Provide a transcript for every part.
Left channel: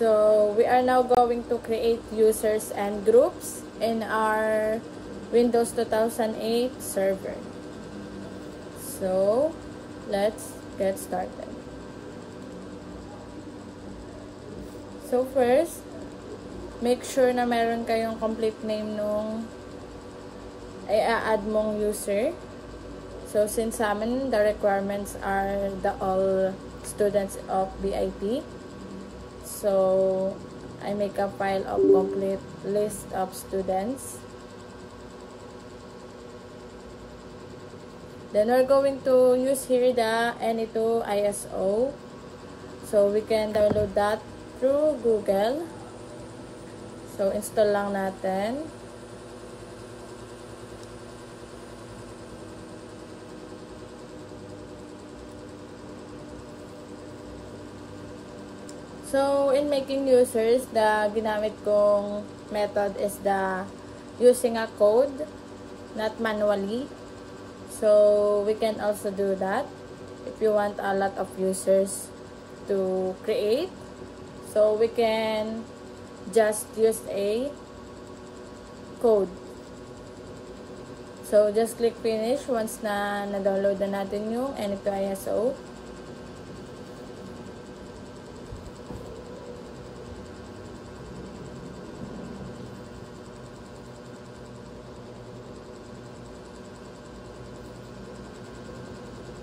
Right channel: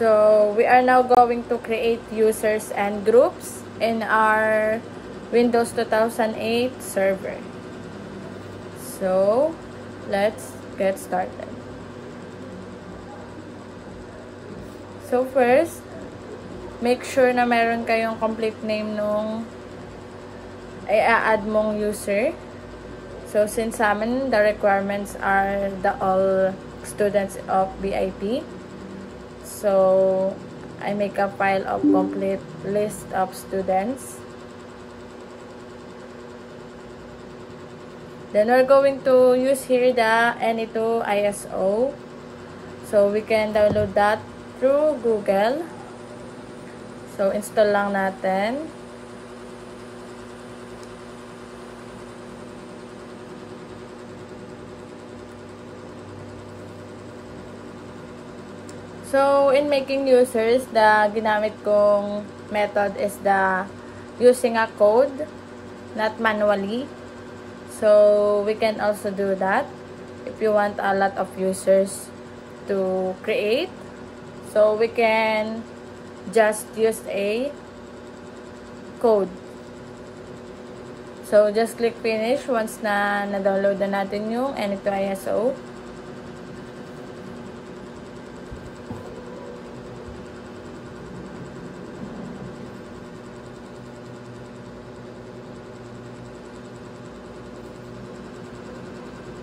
So we are now going to create users and groups in our Windows 2008 server. So let's get started. So first, make sure na meron kayong complete name nung i-add mong user. So since sa amin, the requirements are the all students of BIP. So I make a file of complete list of students. Then we're going to use here the NE2 ISO. So we can download that through Google. So install lang natin. So in making users, the ginamit kong method is the using a code, not manually. So we can also do that if you want a lot of users to create. So we can just use a code. So just click finish once na na-download na natin yung NE2 ISO.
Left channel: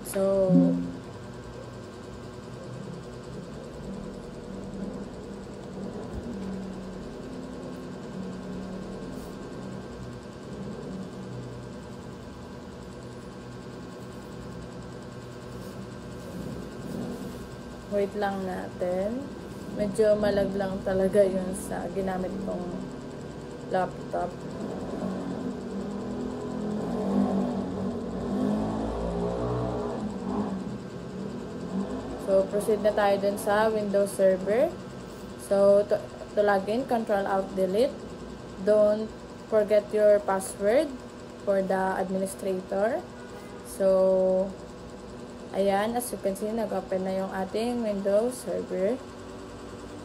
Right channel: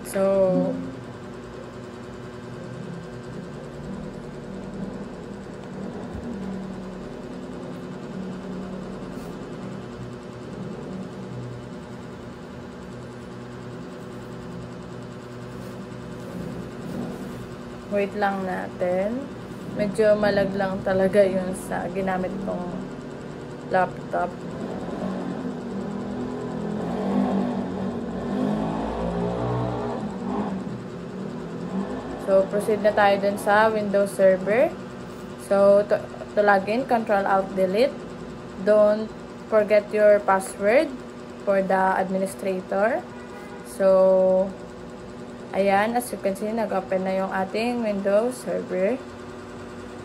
So wait lang natin. Medyo malaglang talaga yun sa ginamit kong laptop. So, proceed na tayo dun sa Windows Server. So, to login, Control-Alt-Delete. Don't forget your password for the administrator. So, ayan, as you can see, nag-open na yung ating Windows Server.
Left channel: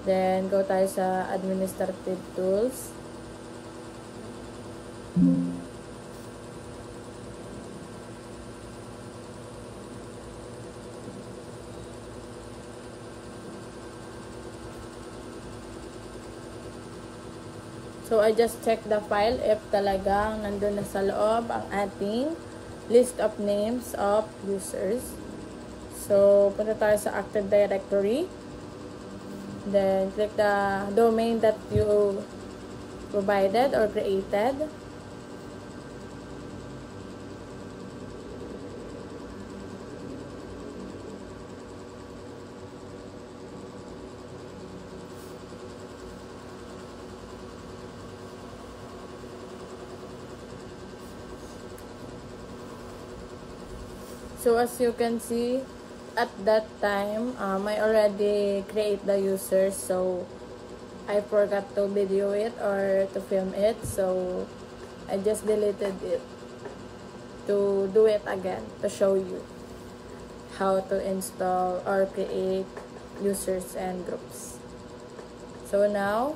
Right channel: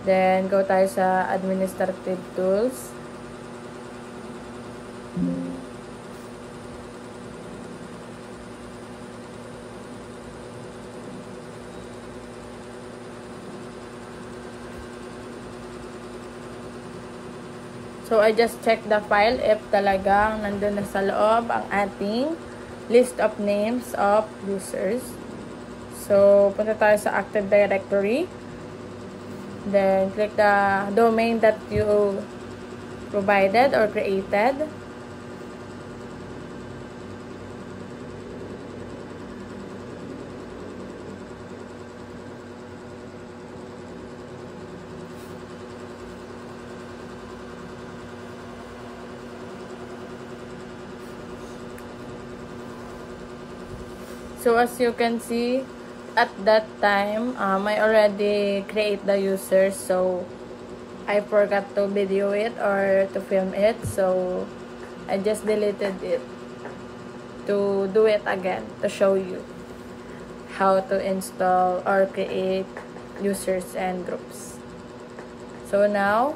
Then, go tayo sa Administrative Tools. So, I just check the file if talagang nandun na sa loob ang ating list of names of users. So, punta tayo sa Active Directory. Then, click the domain that you provided or created. So as you can see, at that time, I already create the user, so I forgot to video it or to film it, so I just deleted it to do it again to show you how to install or create users and groups. So now,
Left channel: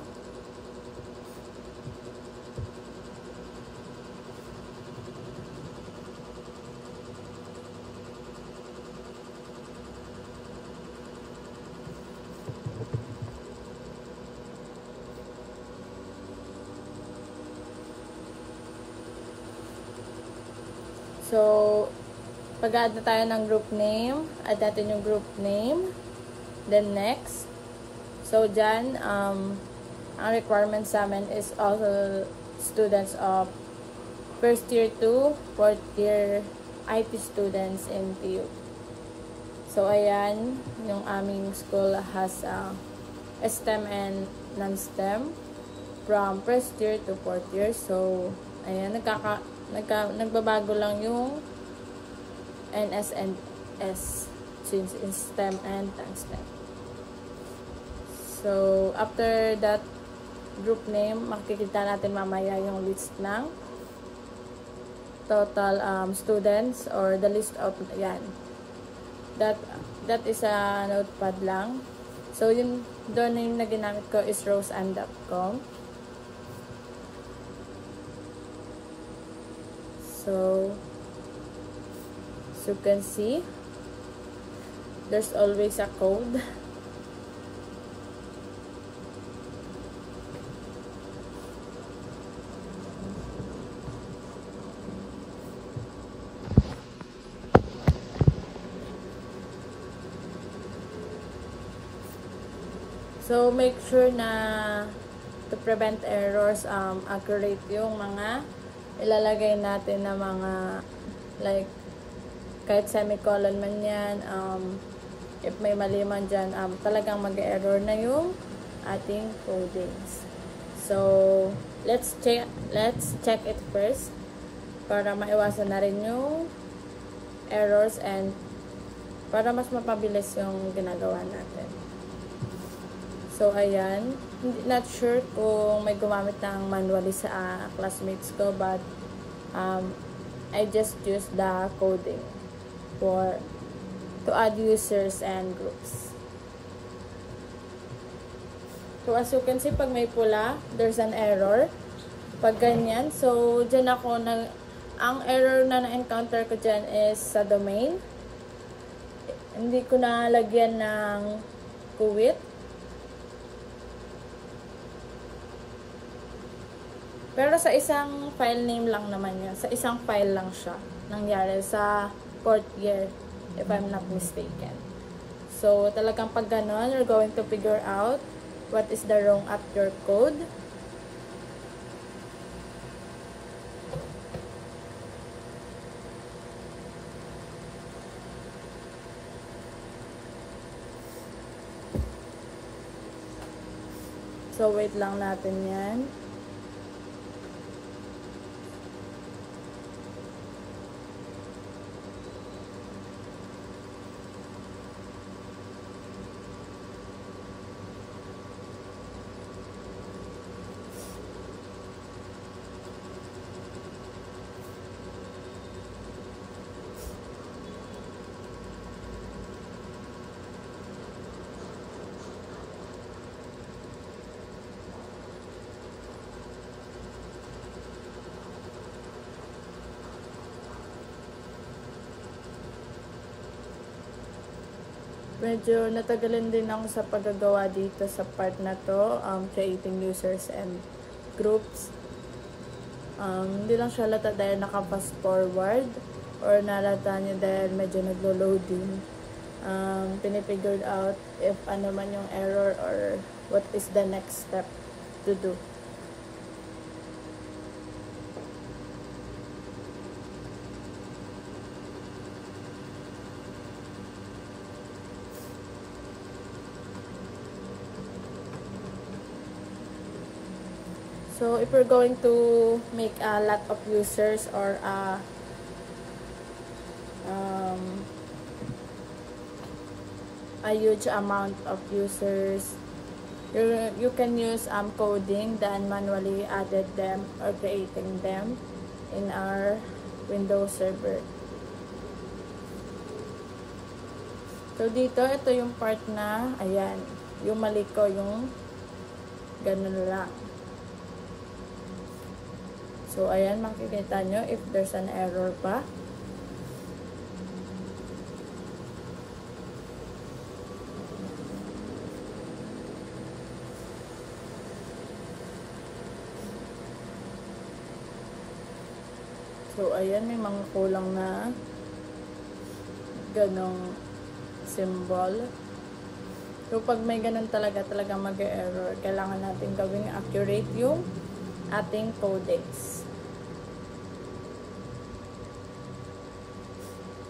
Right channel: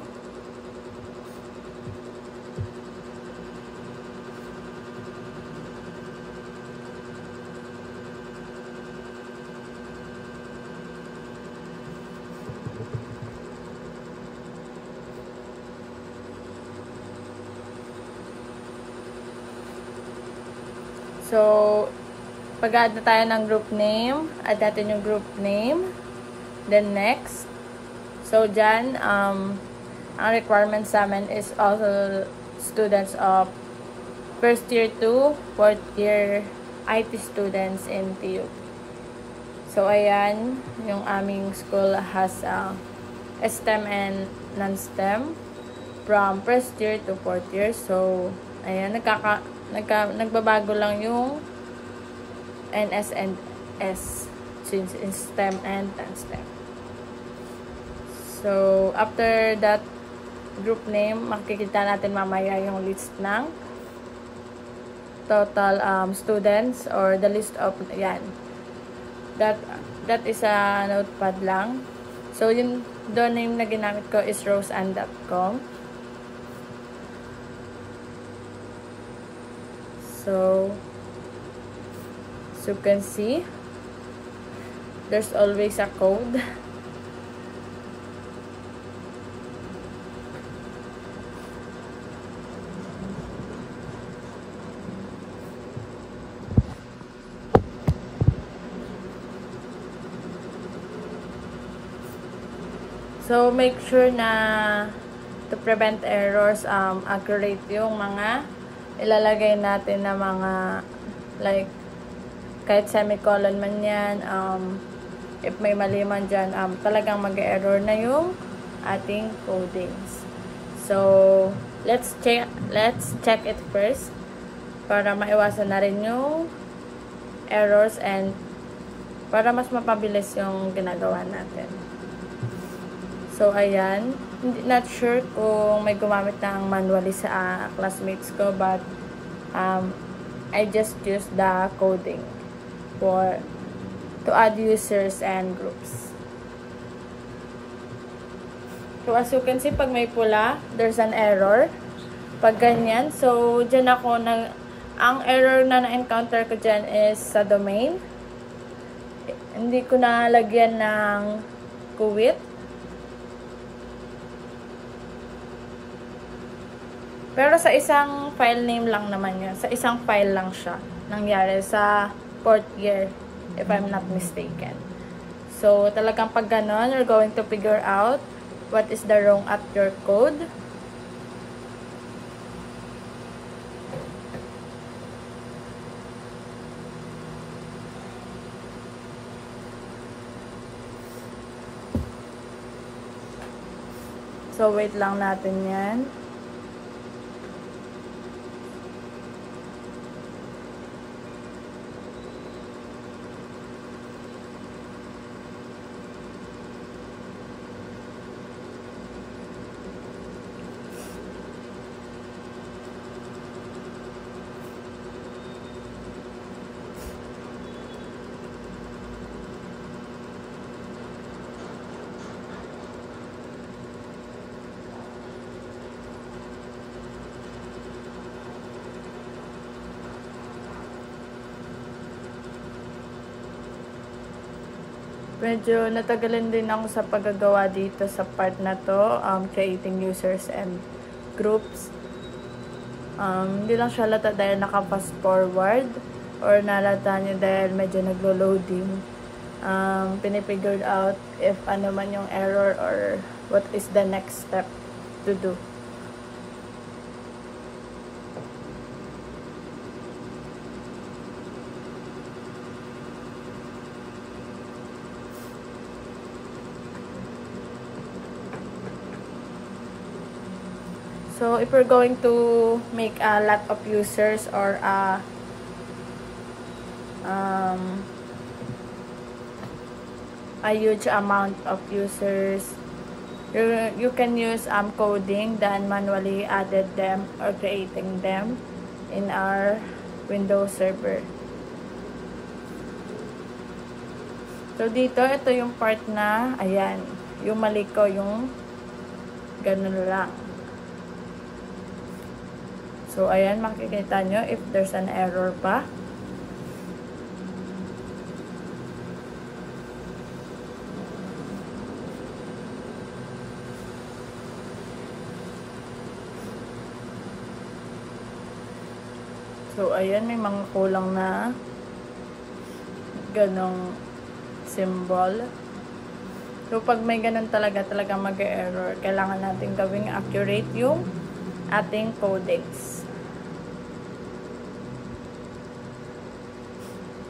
pag-add na tayo ng group name, add natin yung group name, then next. So, dyan, ang requirements namin is also students of first year to fourth year IT students in PU. So, ayan, yung aming school has STEM and non-STEM from first year to fourth year. So, ayan, nagbabago lang yung NS and S since in STEM and non-STEM. So, after that group name, makikita natin mamaya yung list ng total students or the list of, yan. That is a notepad lang. So, yung domain name na ginamit ko is roseann.com. So, as you can see, there's always a code. So, make sure na to prevent errors, accurate yung mga ilalagay natin na mga like kahit semicolon man yan, if may mali man dyan, talagang mag-error na yung ating codings. So, let's check it first para maiwasan na rin yung errors and para mas mapabilis yung ginagawa natin. So, ayan. Not sure kung may gumamit ng manually sa classmates ko, but I just used the coding to add users and groups. So, as you can see, pag may pula, there's an error. Pag ganyan, so, dyan ako ang error na na-encounter ko dyan is sa domain. Hindi ko nalagyan ng quit. Pero sa isang file name lang naman yun. Sa isang file lang siya. Nangyari sa 4th year, if I'm not mistaken. So, talagang pag ganon, you're going to figure out what is the wrong at your code. So, wait lang natin yan. Medyo natagalan din ako sa paggagawa dito sa part na to, creating users and groups. Hindi lang siya lata dahil naka-fast forward or nalata nyo dahil medyo naglo-loading. Pinifigured out if ano man yung error or what is the next step to do. So, if we're going to make a lot of users or a huge amount of users, you can use coding than manually added them or creating them in our Windows server. So, dito, ito yung part na, ayan, yung mali ko, yung ganun lang. So, ayan, makikita nyo if there's an error pa. So, ayan, may mga kulang na ganong symbol. So, pag may ganon talaga mag-error, kailangan natin gawing accurate yung ating codecs.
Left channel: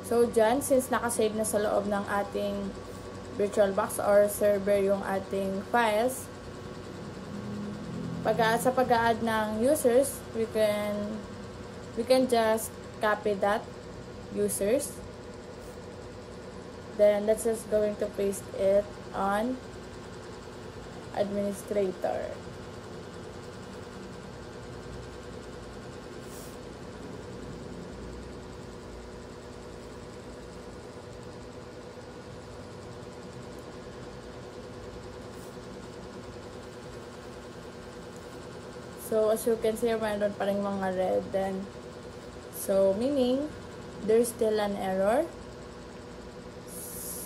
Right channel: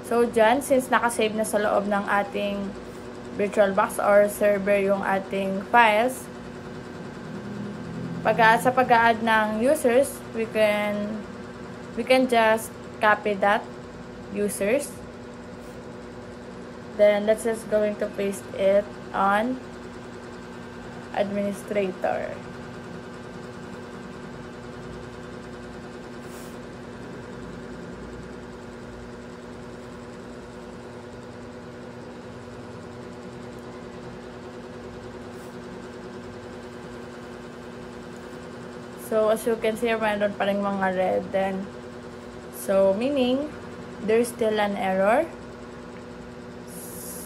So, dyan, since nakasave na sa loob ng ating VirtualBox or server yung ating files, sa pag-add ng users, we can just copy that users. Then, let's just going to paste it on administrator. So, as you can see, mayroon pa rin mga red. Then, so, meaning, there's still an error.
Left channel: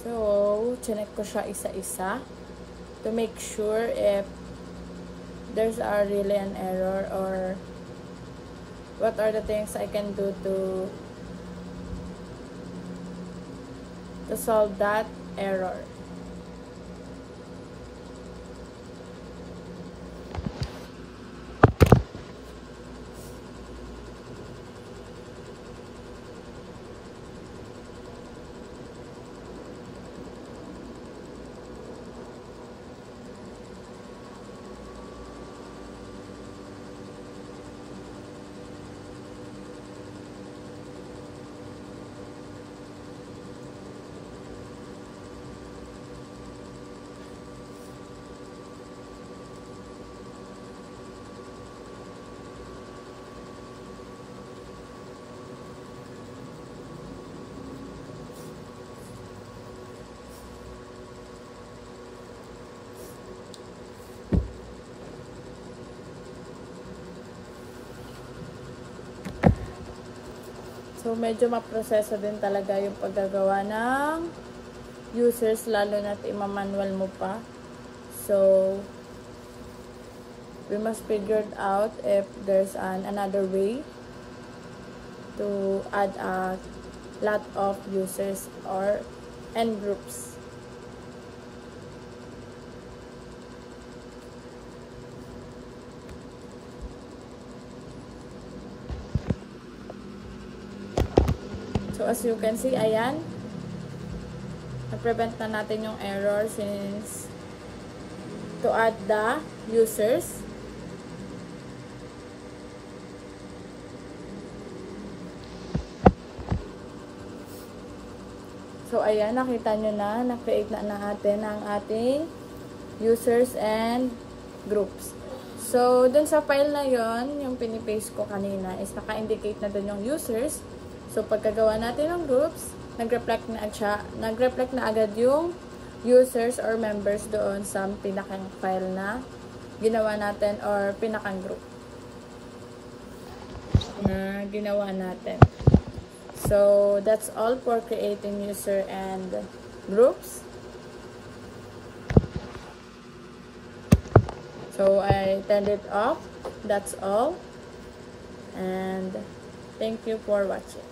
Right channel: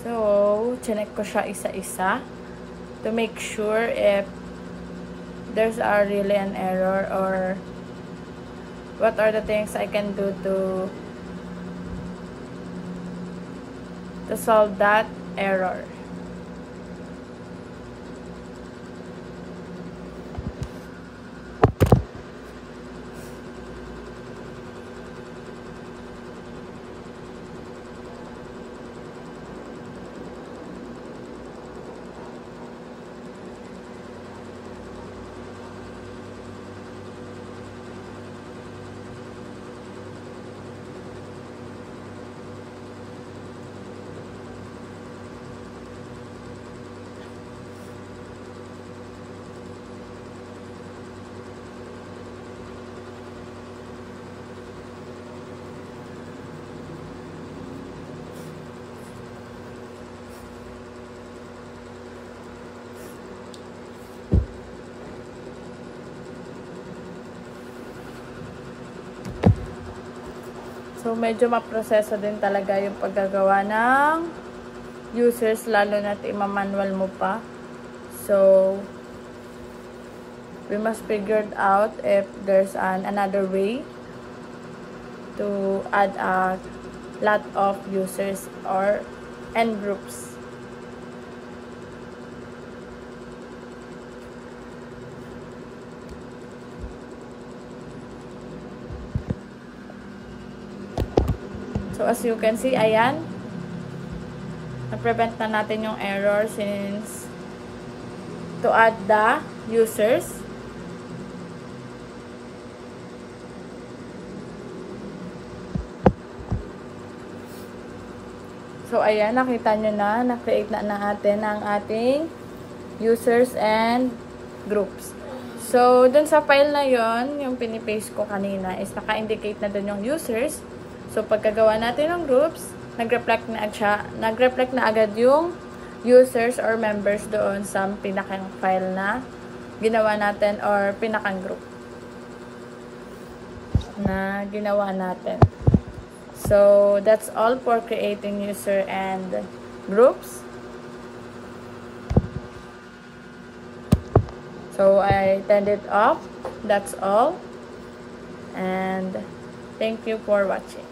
So, chinek ko siya isa-isa to make sure if there's really an error or what are the things I can do to solve that error. So, medyo maproseso din talaga yung paggagawa ng users, lalo na't ima-manual mo pa. So, we must figure out if there's another way to add a lot of users and groups. So, as you can see, ayan, na-prevent na natin yung error since to add the users. So, ayan, nakita nyo na-create na natin ang ating users and groups. So, dun sa file na yon, yung pinipaste ko kanina is naka-indicate na dun yung users. So, pagkagawa natin ng groups, nag-reflect na agad yung users or members doon sa pinakang file na ginawa natin or pinakang group na ginawa natin. So, that's all for creating user and groups. So, I turned it off. That's all. And thank you for watching.